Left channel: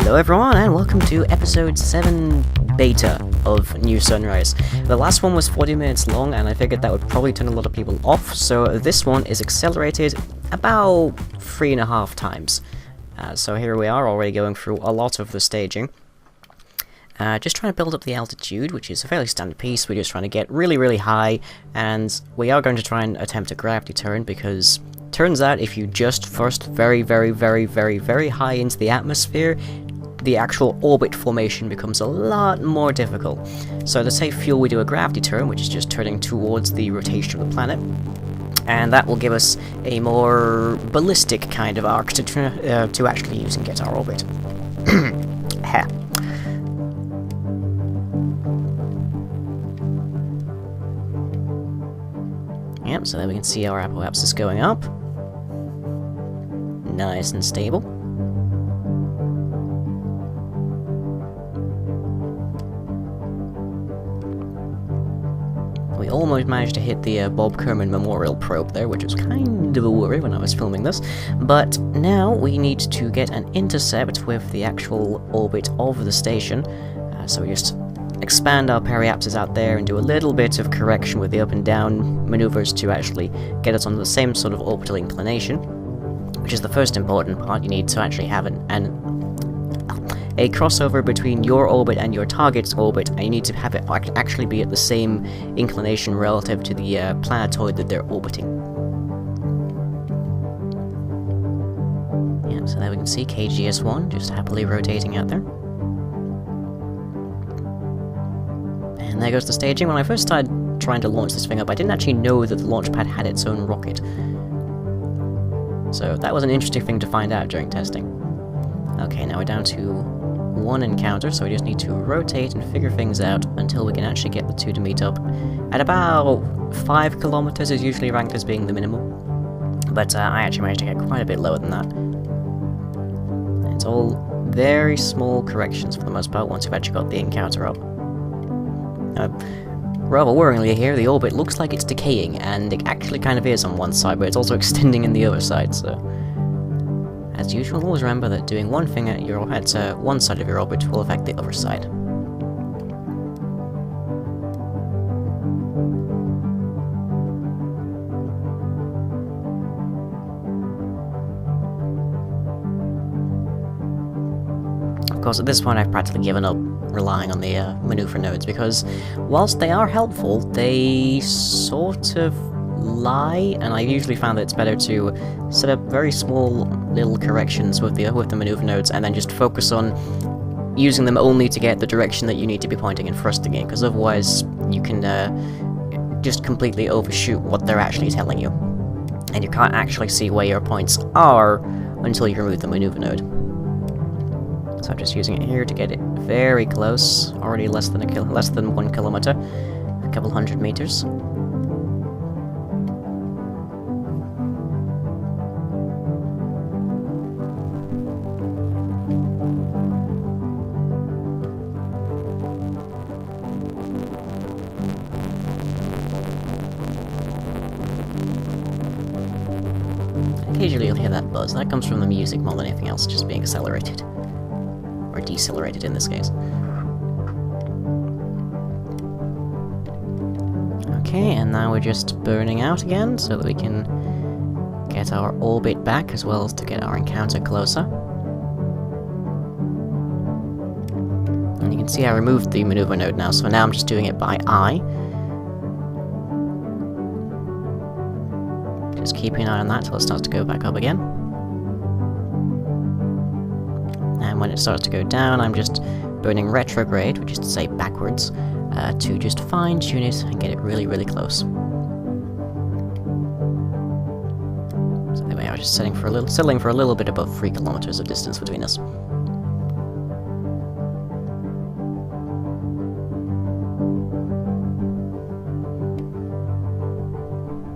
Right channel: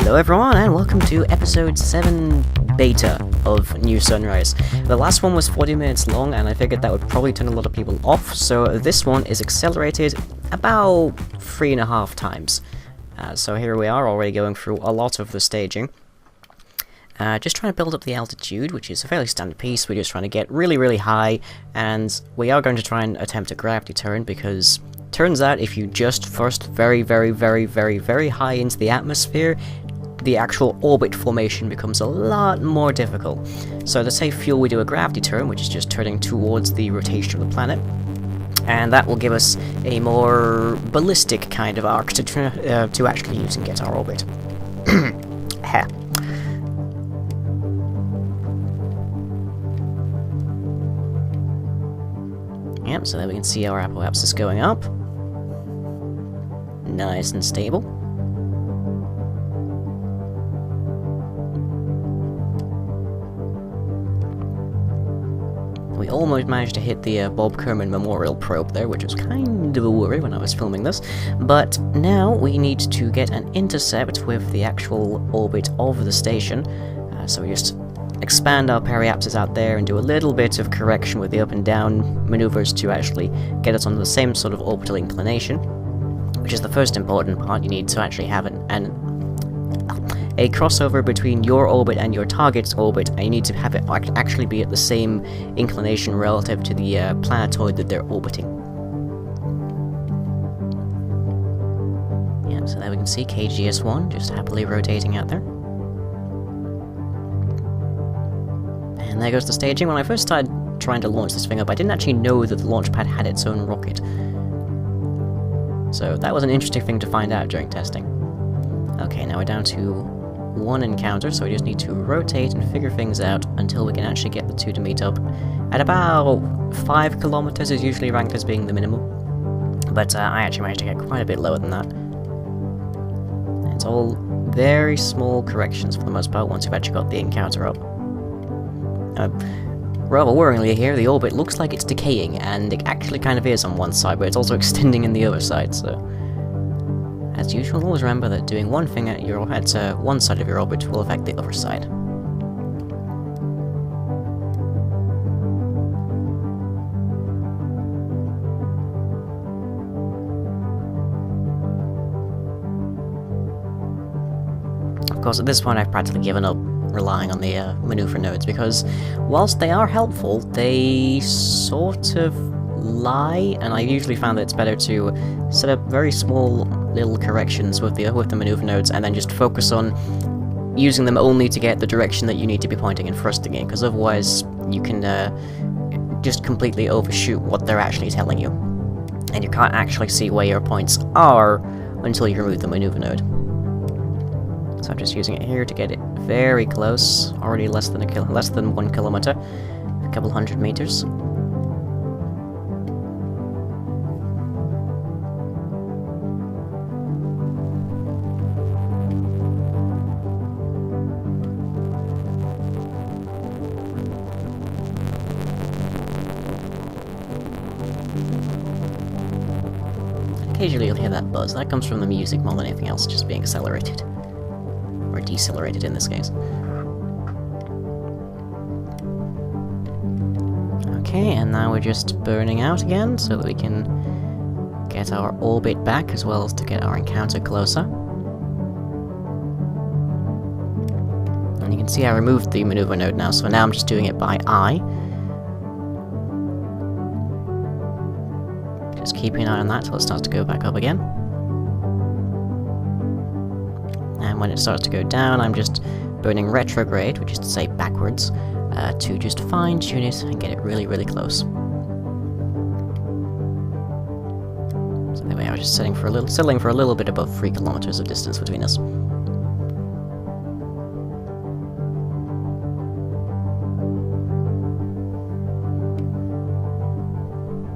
Hello everyone, and welcome to episode 7 beta of New Sunrise. The last one was 40 minutes long, and I figured that would probably turn a lot of people off, so this one is accelerated about 3.5 times. So here we are, already going through a lot of the staging. Just trying to build up the altitude, which is a fairly standard piece. We're just trying to get really high, and we are going to try and attempt a gravity turn, because turns out if you just thrust very high into the atmosphere, the actual orbit formation becomes a lot more difficult. So to save fuel, we do a gravity turn, which is just turning towards the rotation of the planet, and that will give us a more ballistic kind of arc to actually use and get our orbit. Yep, so there we can see our apoapsis going up. Nice and stable. We almost managed to hit the Bob Kerman Memorial probe there, which was kind of a worry when I was filming this. But now we need to get an intercept with the actual orbit of the station. So we just expand our periapsis out there and do a little bit of correction with the up and down maneuvers to actually get us on the same sort of orbital inclination, which is the first important part. You need to actually have a crossover between your orbit and your target's orbit, and you need to have it actually be at the same inclination relative to the planetoid that they're orbiting. Yeah, so there we can see KGS-1 just happily rotating out there. And there goes the staging. When I first started trying to launch this thing up, I didn't actually know that the launch pad had its own rocket. So that was an interesting thing to find out during testing. Okay, now we're down to 1 encounter, so we just need to rotate and figure things out until we can actually get the two to meet up. At about 5 kilometers is usually ranked as being the minimum, but I actually managed to get quite a bit lower than that. And it's all very small corrections for the most part once you've actually got the encounter up. Rather worryingly here, the orbit looks like it's decaying, and it actually kind of is on one side, but it's also extending in the other side, so as usual, always remember that doing one thing at one side of your orbit will affect the other side. Of course, at this point I've practically given up relying on the maneuver nodes, because whilst they are helpful, they sort of lie, and I usually found that it's better to set up very small little corrections with the maneuver nodes and then just focus on using them only to get the direction that you need to be pointing and thrusting in, because otherwise you can just completely overshoot what they're actually telling you, and you can't actually see where your points are until you remove the maneuver node. So I'm just using it here to get it very close, already less than 1 kilometer, a couple hundred meters. Occasionally you'll hear that buzz. That comes from the music more than anything else, just being accelerated. Or decelerated in this case. Okay, and now we're just burning out again, so that we can get our orbit back, as well as to get our encounter closer. And you can see I removed the maneuver node now, so now I'm just doing it by eye. Just keeping an eye on that till it starts to go back up again. And when it starts to go down, I'm just burning retrograde, which is to say backwards, to just fine-tune it and get it really close. So there we are, just settling for a little bit above 3 kilometers of distance between us.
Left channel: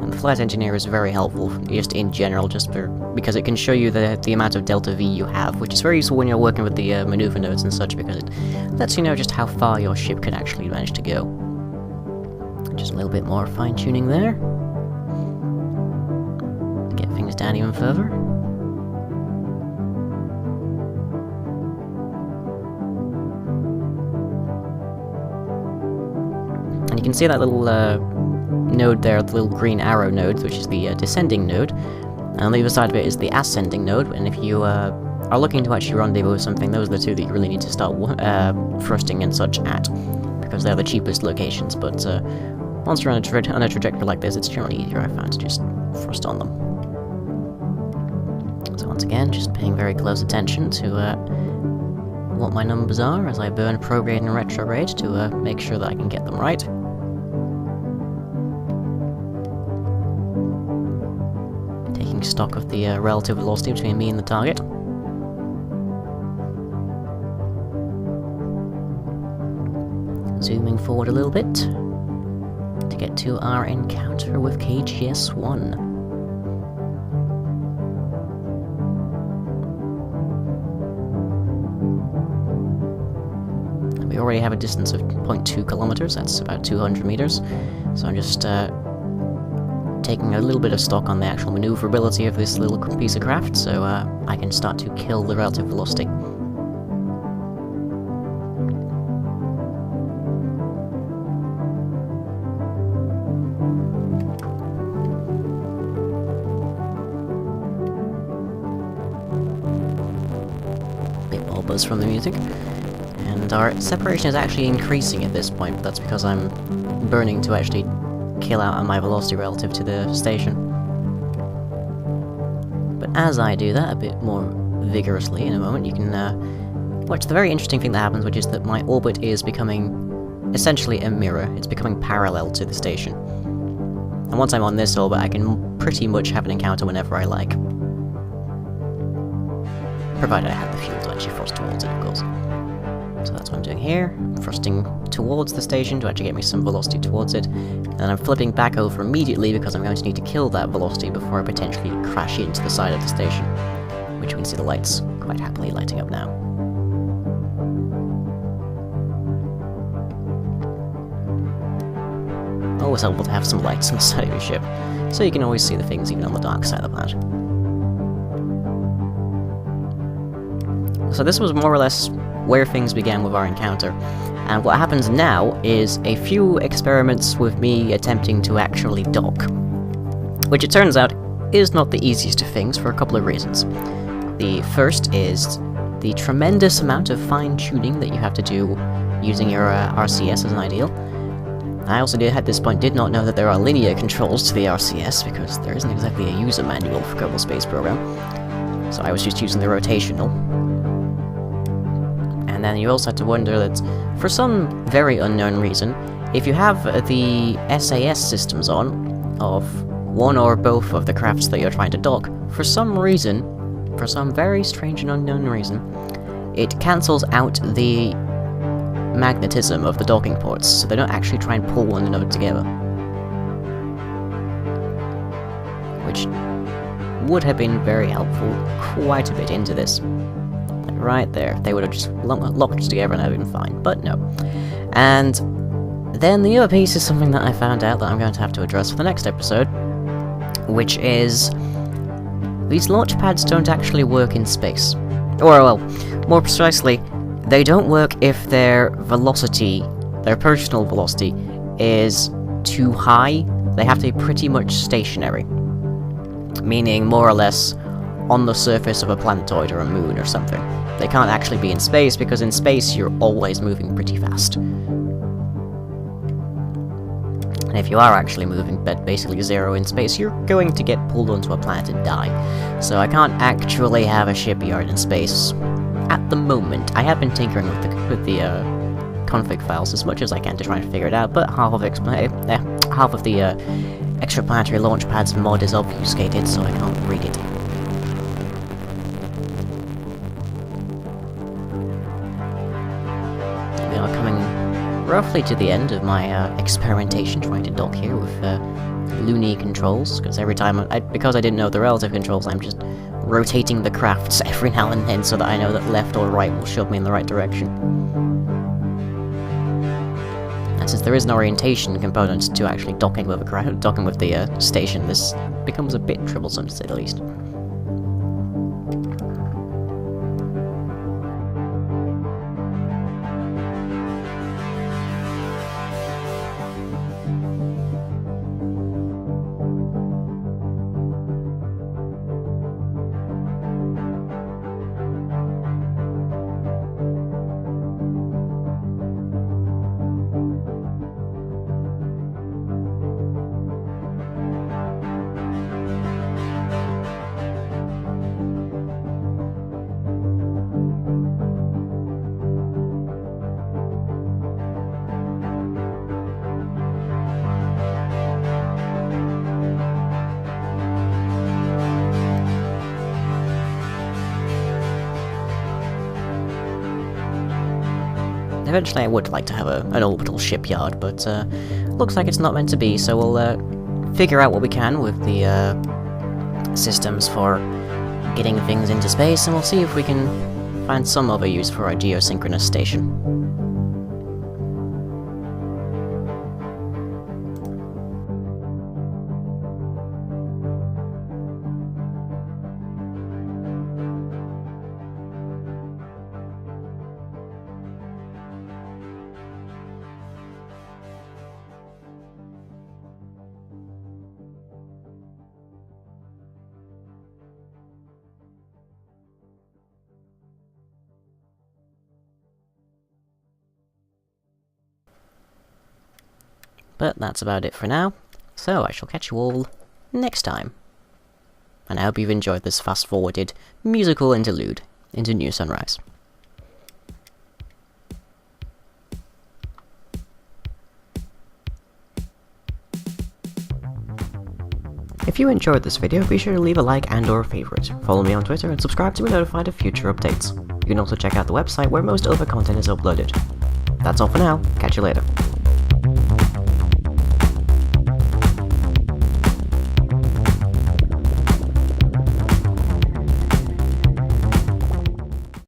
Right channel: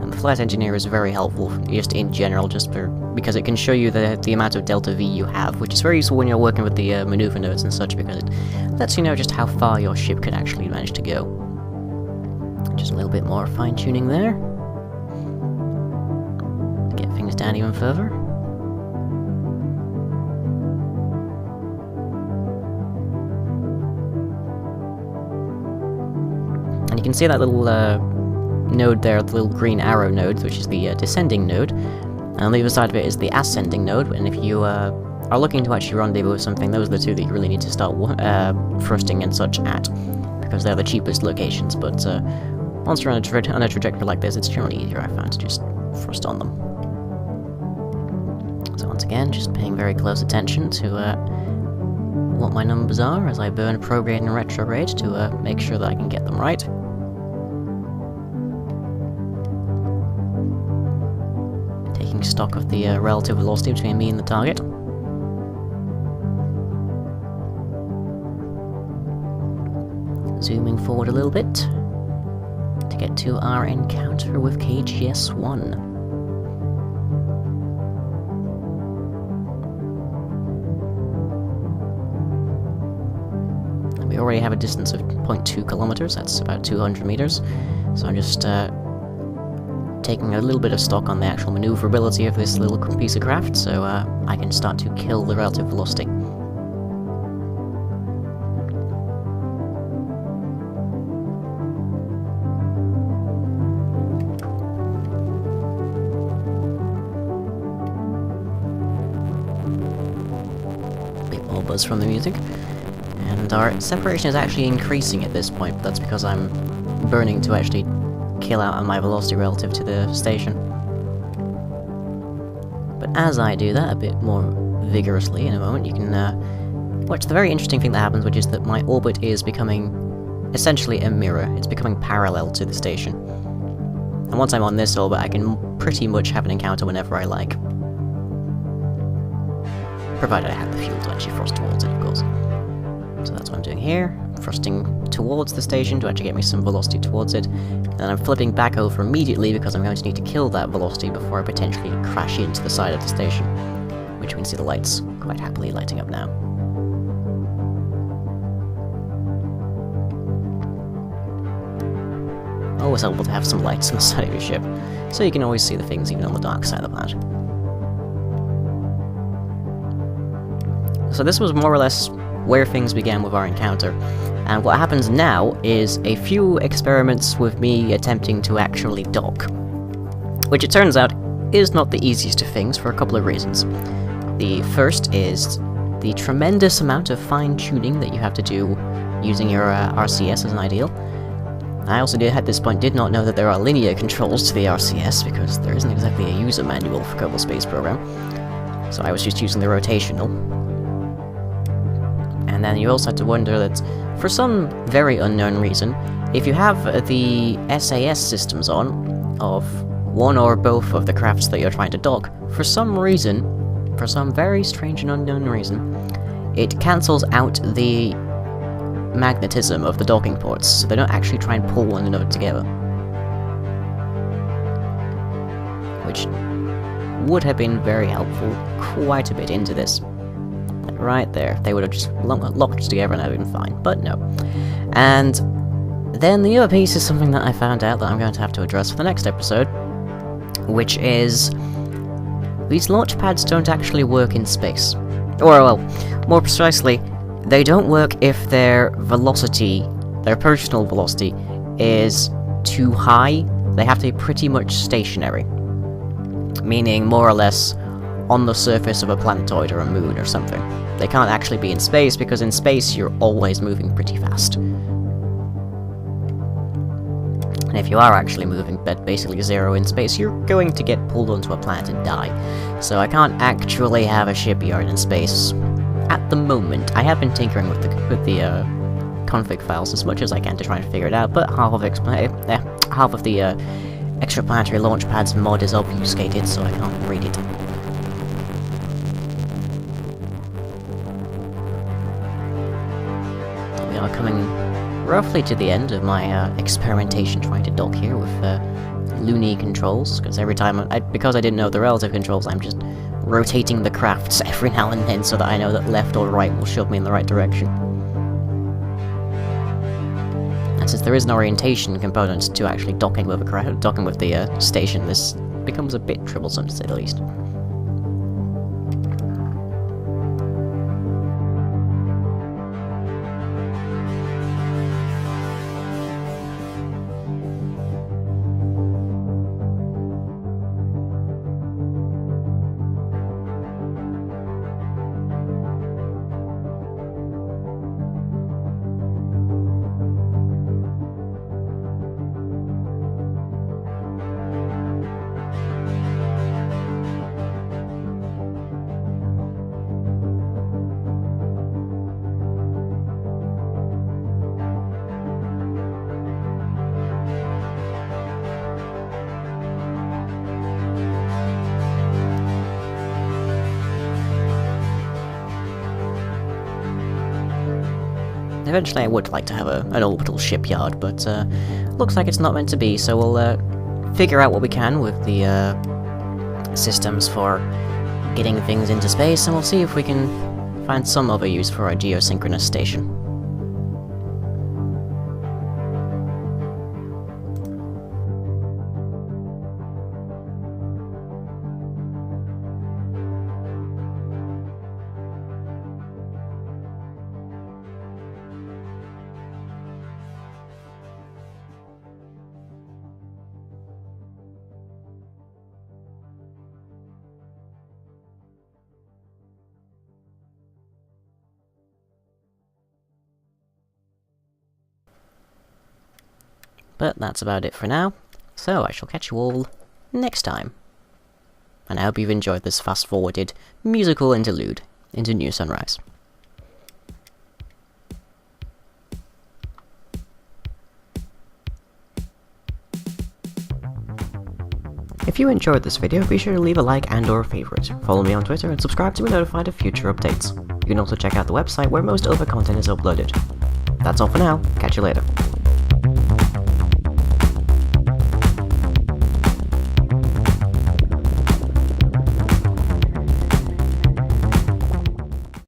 And the flight engineer is very helpful, just in general, because it can show you the amount of delta V you have, which is very useful when you're working with the maneuver nodes and such, because it lets you know just how far your ship could actually manage to go. Just a little bit more fine-tuning there, to get things down even further. And you can see that little node there, the little green arrow node, which is the descending node. And on the other side of it is the ascending node, and if you are looking to actually rendezvous with something, those are the two that you really need to start thrusting and such at, because they're the cheapest locations, but once you're on a trajectory like this, it's generally easier, I find, to just thrust on them. So once again, just paying very close attention to what my numbers are as I burn prograde and retrograde to make sure that I can get them right. Taking stock of the relative velocity between me and the target. Zooming forward a little bit to get to our encounter with KGS-1. We already have a distance of 0.2 kilometers, that's about 200 meters, so I'm just taking a little bit of stock on the actual maneuverability of this little piece of craft, so I can start to kill the relative velocity. Bit more buzz from the music. And our separation is actually increasing at this point, but that's because I'm burning to actually kill out on my velocity relative to the station. But as I do that a bit more vigorously in a moment, you can watch the very interesting thing that happens, which is that my orbit is becoming essentially a mirror. It's becoming parallel to the station. And once I'm on this orbit, I can pretty much have an encounter whenever I like. Provided I have the fuel to actually thrust towards it, of course. So that's what I'm doing here, thrusting towards the station to actually get me some velocity towards it, and then I'm flipping back over immediately because I'm going to need to kill that velocity before I potentially crash into the side of the station, which we can see the lights quite happily lighting up now. Always helpful to have some lights on the side of your ship, so you can always see the things even on the dark side of the planet. So this was more or less where things began with our encounter, and what happens now is a few experiments with me attempting to actually dock, which it turns out is not the easiest of things for a couple of reasons. The first is the tremendous amount of fine-tuning that you have to do using your RCS as an ideal. I also at this point did not know that there are linear controls to the RCS, because there isn't exactly a user manual for Kerbal Space Program, so I was just using the rotational. And then you also have to wonder that, for some very unknown reason, if you have the SAS systems on, of one or both of the crafts that you're trying to dock, for some reason, for some very strange and unknown reason, it cancels out the magnetism of the docking ports, so they don't actually try and pull one another together. Which would have been very helpful quite a bit into this. Like right there, they would have just locked together and have been fine, but no. And then the other piece is something that I found out that I'm going to have to address for the next episode, which is these launch pads don't actually work in space. Or, well, more precisely, they don't work if their velocity, their approachable velocity, is too high. They have to be pretty much stationary. Meaning, more or less, on the surface of a planetoid or a moon or something. They can't actually be in space, because in space you're always moving pretty fast. And if you are actually moving at basically zero in space, you're going to get pulled onto a planet and die. So I can't actually have a shipyard in space at the moment. I have been tinkering with the config files as much as I can to try and figure it out, but half of the Extraplanetary Launchpads mod is obfuscated, so I can't read it. We are coming roughly to the end of my experimentation trying to dock here with loony controls, because every time because I didn't know the relative controls, I'm just rotating the crafts every now and then so that I know that left or right will shove me in the right direction. And since there is an orientation component to actually docking with the station, this becomes a bit troublesome to say the least. Eventually I would like to have an orbital shipyard, but looks like it's not meant to be, so we'll figure out what we can with the systems for getting things into space, and we'll see if we can find some other use for our geosynchronous station. But that's about it for now, so I shall catch you all next time. And I hope you've enjoyed this fast-forwarded musical interlude into New Sunrise. If you enjoyed this video, be sure to leave a like and or a favourite, follow me on Twitter and subscribe to be notified of future updates. You can also check out the website where most other content is uploaded. That's all for now, catch you later.